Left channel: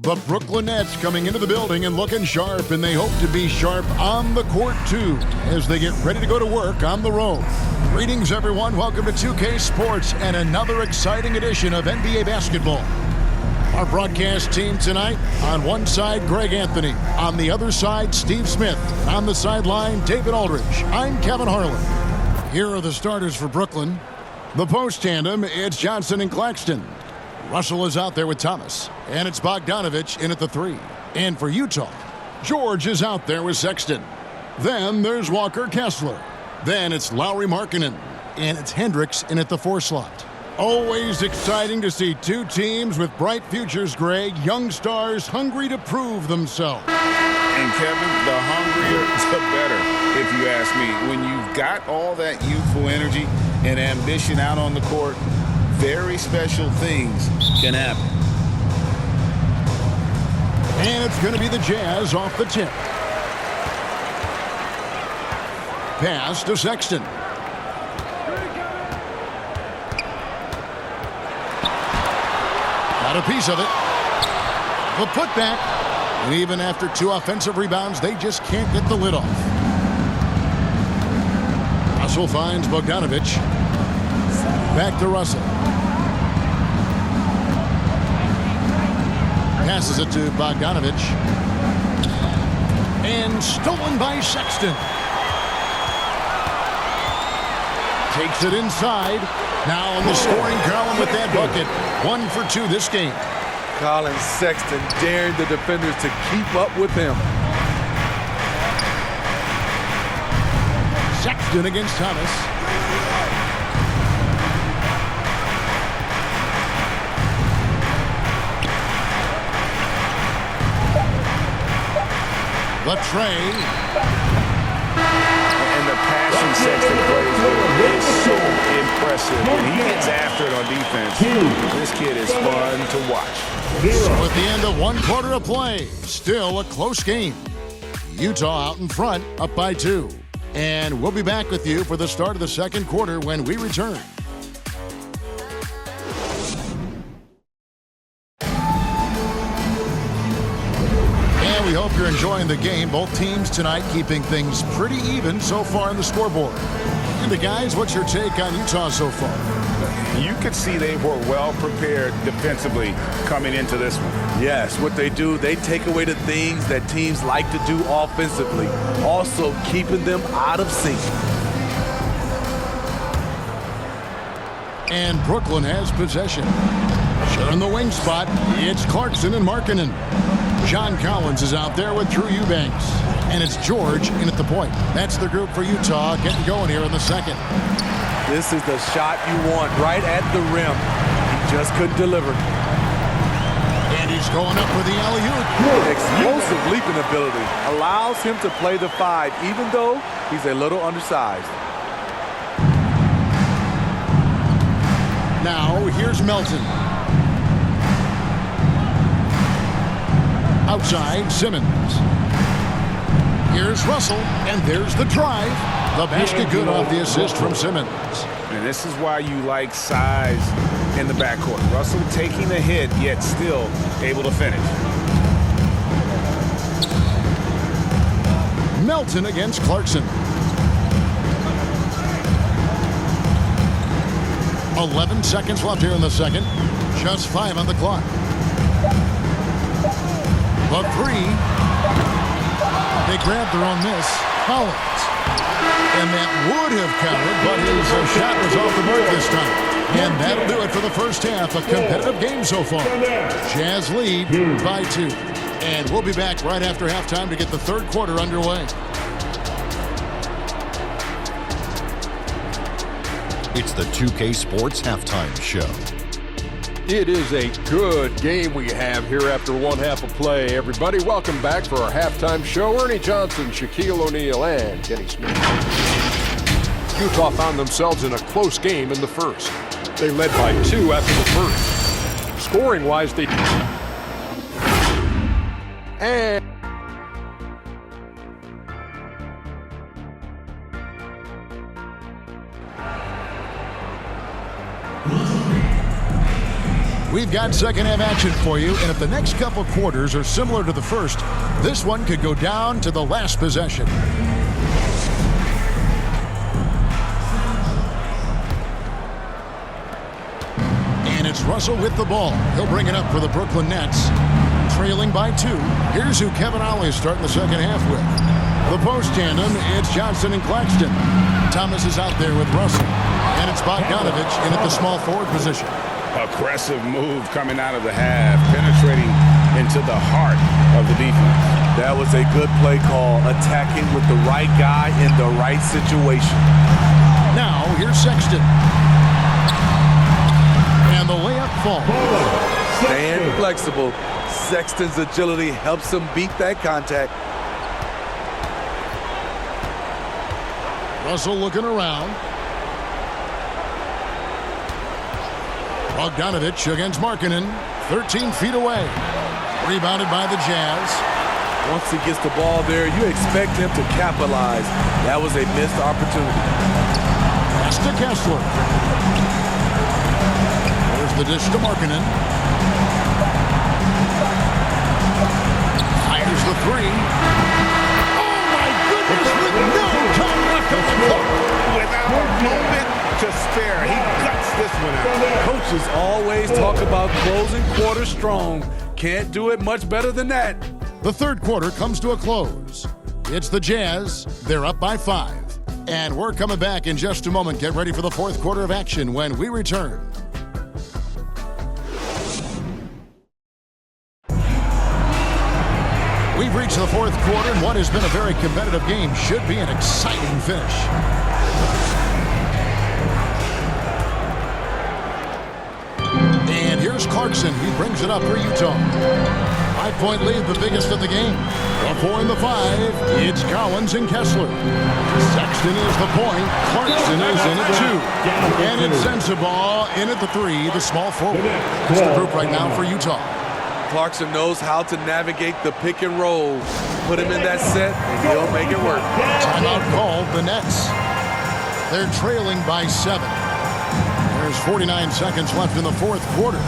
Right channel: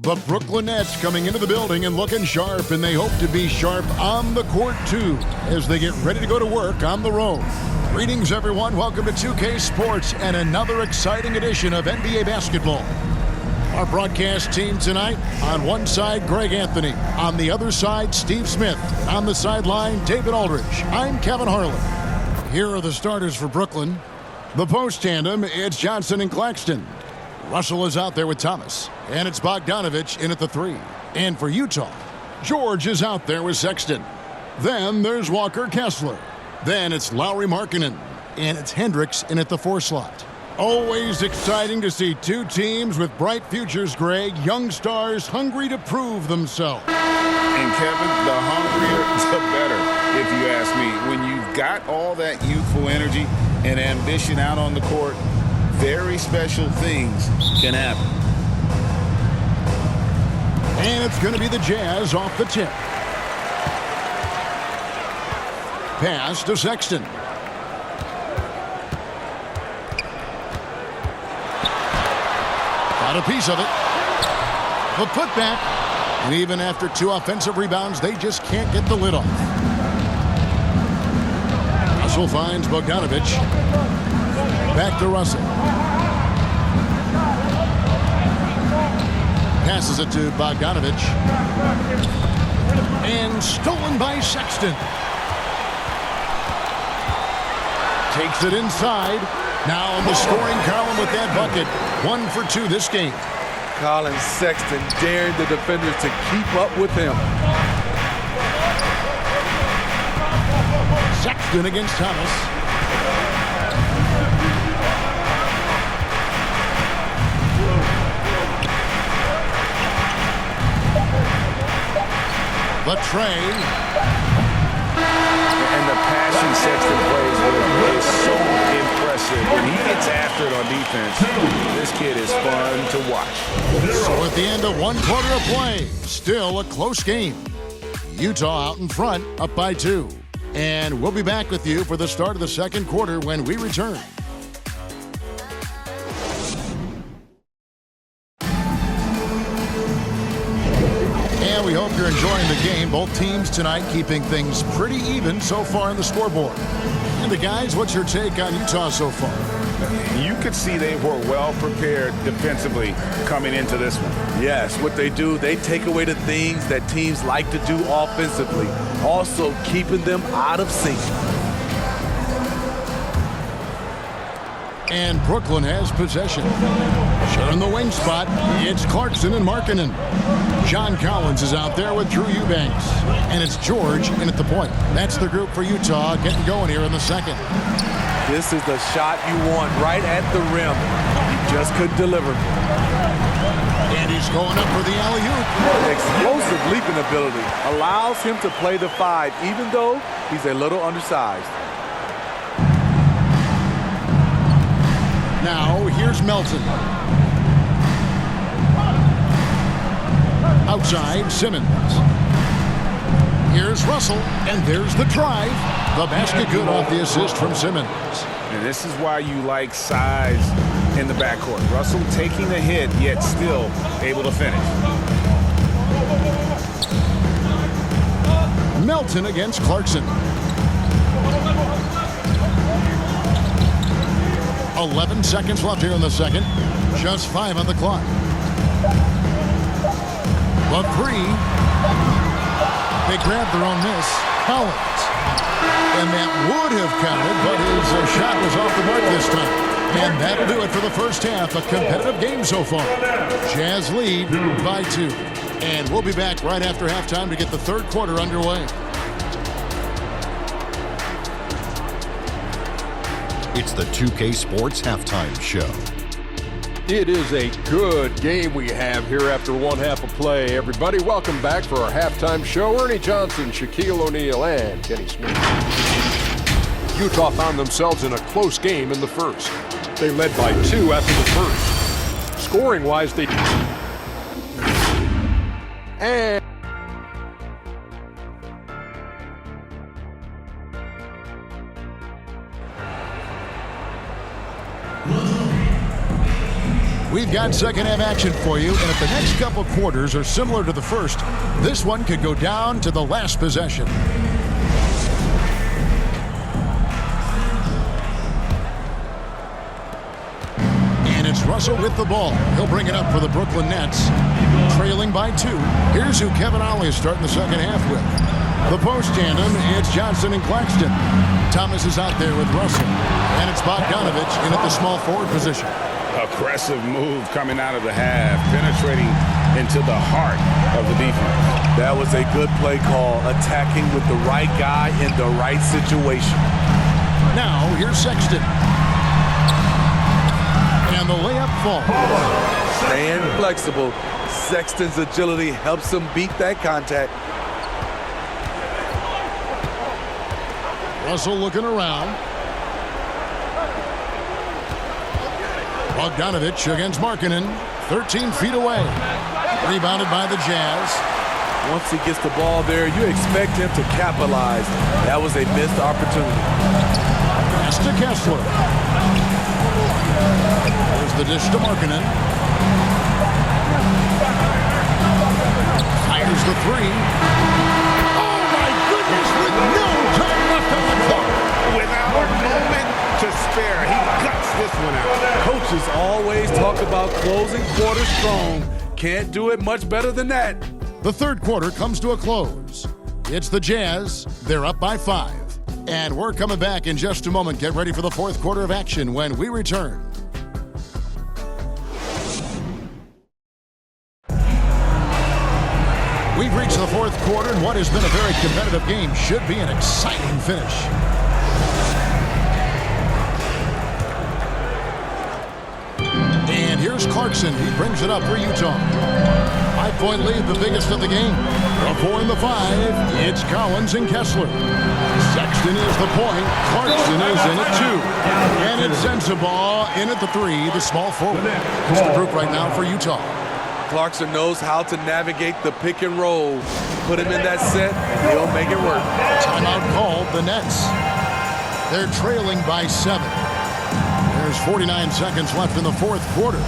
The Brooklyn Nets coming into the building and looking sharp, and they hope to be sharp on the court too as they get ready to go to work on the road. Greetings, everyone. Welcome to 2K Sports and another exciting edition of NBA basketball. Our broadcast team tonight, on one side, Greg Anthony. On the other side, Steve Smith. And on the sideline, David Aldridge. I'm Kevin Harlan. Here are the starters for Brooklyn. The post tandem, it's Johnson and Claxton. Russell is out there with Thomas. And it's Bogdanovich in at the 3. And for Utah, George is out there with Sexton. Then there's Walker Kessler. Then it's Lowry Markkanen. And it's Hendricks in at the 4 slot. Always exciting to see two teams with bright futures, Greg. Young stars hungry to prove themselves. And Kevin, the hungrier, the better, if you ask me. When you've got all that youthful energy and ambition out on the court, very special things can happen. And it's going to be the Jazz off the tip. Pass to Sexton. Got a piece of it. The putback. And even after 2 offensive rebounds, they just can't get the lid off. Russell finds Bogdanovich. Back to Russell. Passes it to Bogdanovich. And stolen by Sexton. Takes it inside. Now on the scoring column with that bucket. 1 for 2 this game. Colin Sexton daring the defenders to keep up with him. Sexton against Thomas. The tray. And the passion Sexton plays with is so impressive. When he gets after it on defense, this kid is fun to watch. So at the end of 1 quarter of play, still a close game. Utah out in front, up by 2. And we'll be back with you for the start of the second quarter when we return. And we hope you're enjoying the game. Both teams tonight keeping things pretty even so far on the scoreboard. And the guys, what's your take on Utah so far? You could see they were well prepared defensively coming into this one. Yes, what they do, they take away the things that teams like to do offensively, also keeping them out of sync. And Brooklyn has possession. Sharing the wing spot, it's Clarkson and Markkanen. John Collins is out there with Drew Eubanks. And it's George in at the point. That's the group for Utah getting going here in the second. This is the shot you want right at the rim. He just couldn't deliver. And he's going up for the alley-oop. Explosive leaping ability allows him to play the 5, even though he's a little undersized. Now, here's Melton. Outside, Simmons. Here's Russell, and there's the drive. The basket good off the assist from Simmons. And this is why you like size in the backcourt. Russell taking the hit, yet still able to finish. Melton against Clarkson. 11 seconds left here in the second. Just 5 on the clock. The 3. They grabbed their own miss. Collins. And that would have counted, but his shot was off the mark this time. And that'll do it for the first half. A competitive game so far. Jazz lead by 2. And we'll be back right after halftime to get the third quarter underway. It's the 2K Sports Halftime Show. It is a good game we have here after one half of play. Everybody, welcome back for our halftime show. Ernie Johnson, Shaquille O'Neal, and Kenny Smith. Utah found themselves in a close game in the first. They led by 2 after the first. Scoring-wise, they... And... We've got second half action for you, and if the next couple quarters are similar to the first, this one could go down to the last possession. And it's Russell with the ball. He'll bring it up for the Brooklyn Nets. Trailing by 2. Here's who Kevin Ollie is starting the second half with. The post tandem, it's Johnson and Claxton. Thomas is out there with Russell. And it's Bogdanovich in at the small forward position. Aggressive move coming out of the half, penetrating into the heart of the defense. That was a good play call, attacking with the right guy in the right situation. Now, here's Sexton. And the layup falls. Staying flexible. Sexton's agility helps him beat that contact. Russell looking around. Bogdanovich against Markkanen, 13 feet away. Rebounded by the Jazz. Once he gets the ball there, you expect him to capitalize. That was a missed opportunity. Pass to Kessler. There's the dish to Markkanen. Fires the 3. Oh my goodness, with no time left on the clock. Without a moment to spare, he guts this one out. Coaches always talk about closing quarters strong. Can't do it much better than that. The third quarter comes to a close. It's the Jazz. They're up by 5. And we're coming back in just a moment. Get ready for the fourth quarter of action when we return. We've reached the fourth quarter, and what has been a very competitive game should be an exciting finish. And here's Clarkson. He brings it up for Utah. 5-point lead, the biggest of the game. The 4 and the 5. It's Collins and Kessler. Sexton is the point. Clarkson is in at 2. And it's Sensabaugh in at the 3, the small forward. That's the group right now for Utah. Clarkson knows how to navigate the pick and roll. Put him in that set, and he'll make it work. Timeout called, the Nets. They're trailing by 7. There's 49 seconds left in the fourth quarter.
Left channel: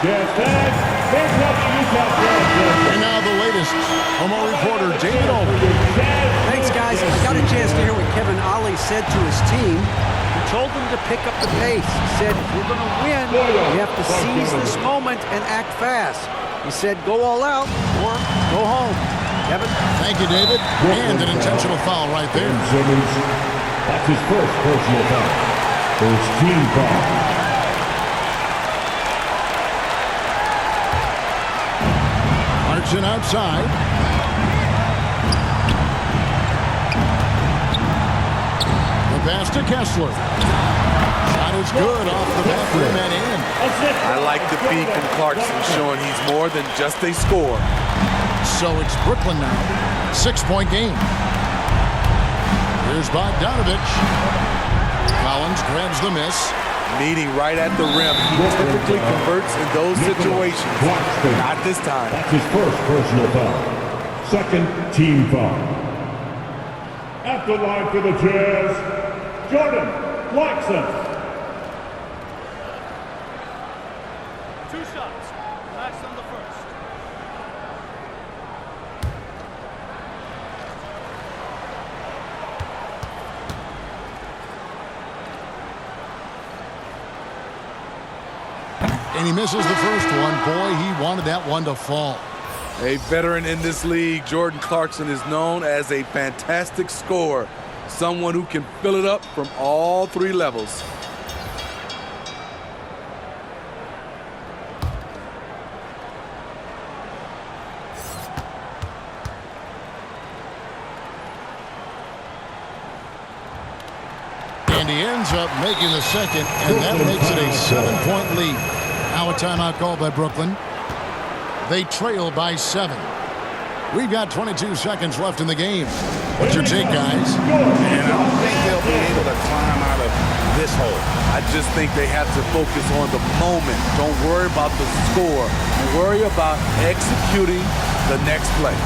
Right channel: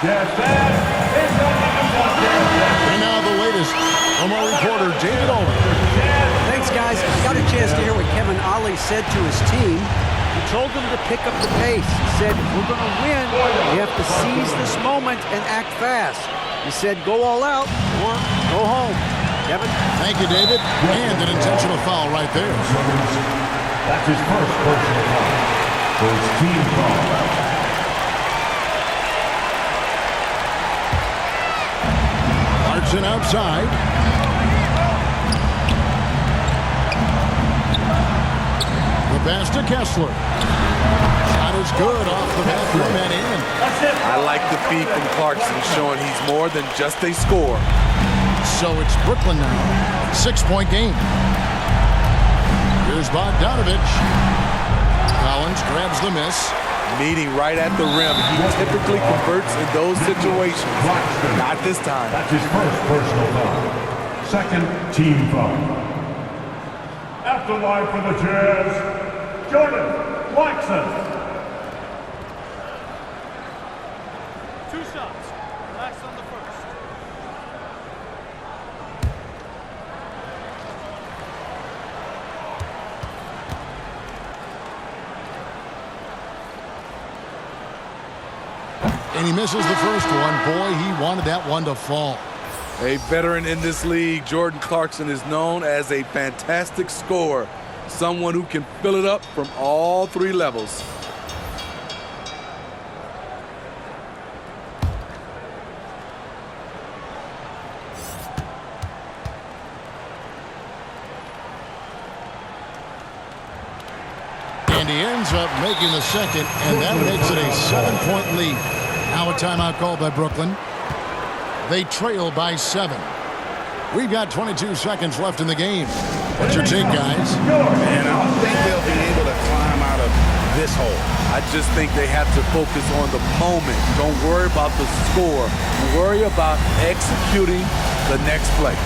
And now the latest from our reporter, David Aldridge. Thanks, guys. I got a chance to hear what Kevin Ollie said to his team. He told them to pick up the pace. He said, if we're going to win, we have to seize this moment and act fast. He said, go all out or go home. Kevin? Thank you, David. And an intentional foul right there. That's his first personal foul. First team foul. Clarkson outside. The pass to Kessler. Shot is good off the back rim and in. I like the feed from Clarkson, showing he's more than just a scorer. So it's Brooklyn now. 6-point game. Here's Bogdanovich. Collins grabs the miss. Meeting right at the rim. He typically converts in those situations. Not this time. That's his first personal foul. Second team foul. At the line for the Jazz, Jordan Clarkson. 2 shots. Relax on the first. And he misses the first one. Boy, he wanted that one to fall. A veteran in this league, Jordan Clarkson is known as a fantastic scorer, someone who can fill it up from all three levels. And he ends up making the second, and that makes it a 7-point lead. Now a timeout called by Brooklyn. They trail by 7. We've got 22 seconds left in the game. What's your take, guys? Man, I don't think they'll be able to climb out of this hole. I just think they have to focus on the moment. Don't worry about the score. Worry about executing the next play.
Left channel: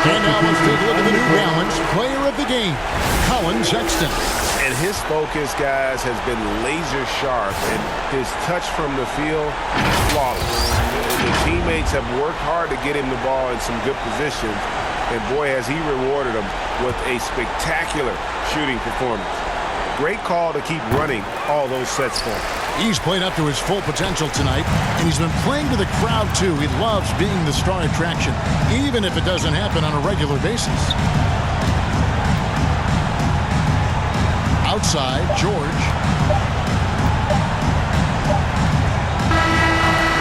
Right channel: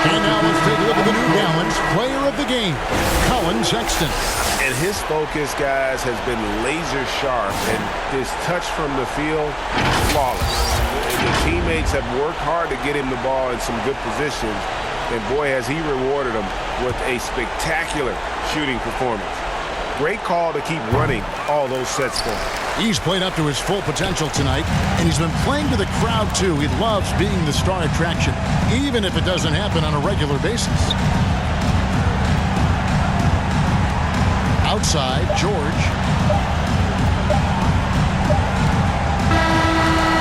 And now let's take a look at the New Balance player of the game, Colin Sexton. And his focus, guys, has been laser sharp, and his touch from the field, flawless. The teammates have worked hard to get him the ball in some good positions, and boy, has he rewarded them with a spectacular shooting performance. Great call to keep running all those sets for him. He's played up to his full potential tonight, and he's been playing to the crowd, too. He loves being the star attraction, even if it doesn't happen on a regular basis. Outside, George.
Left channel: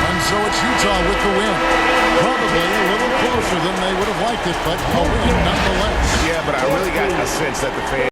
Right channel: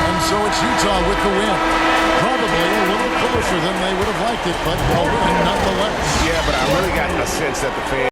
And so it's Utah with the win. Probably a little closer than they would have liked it, but a win nonetheless. Yeah, but I really got a sense that the fans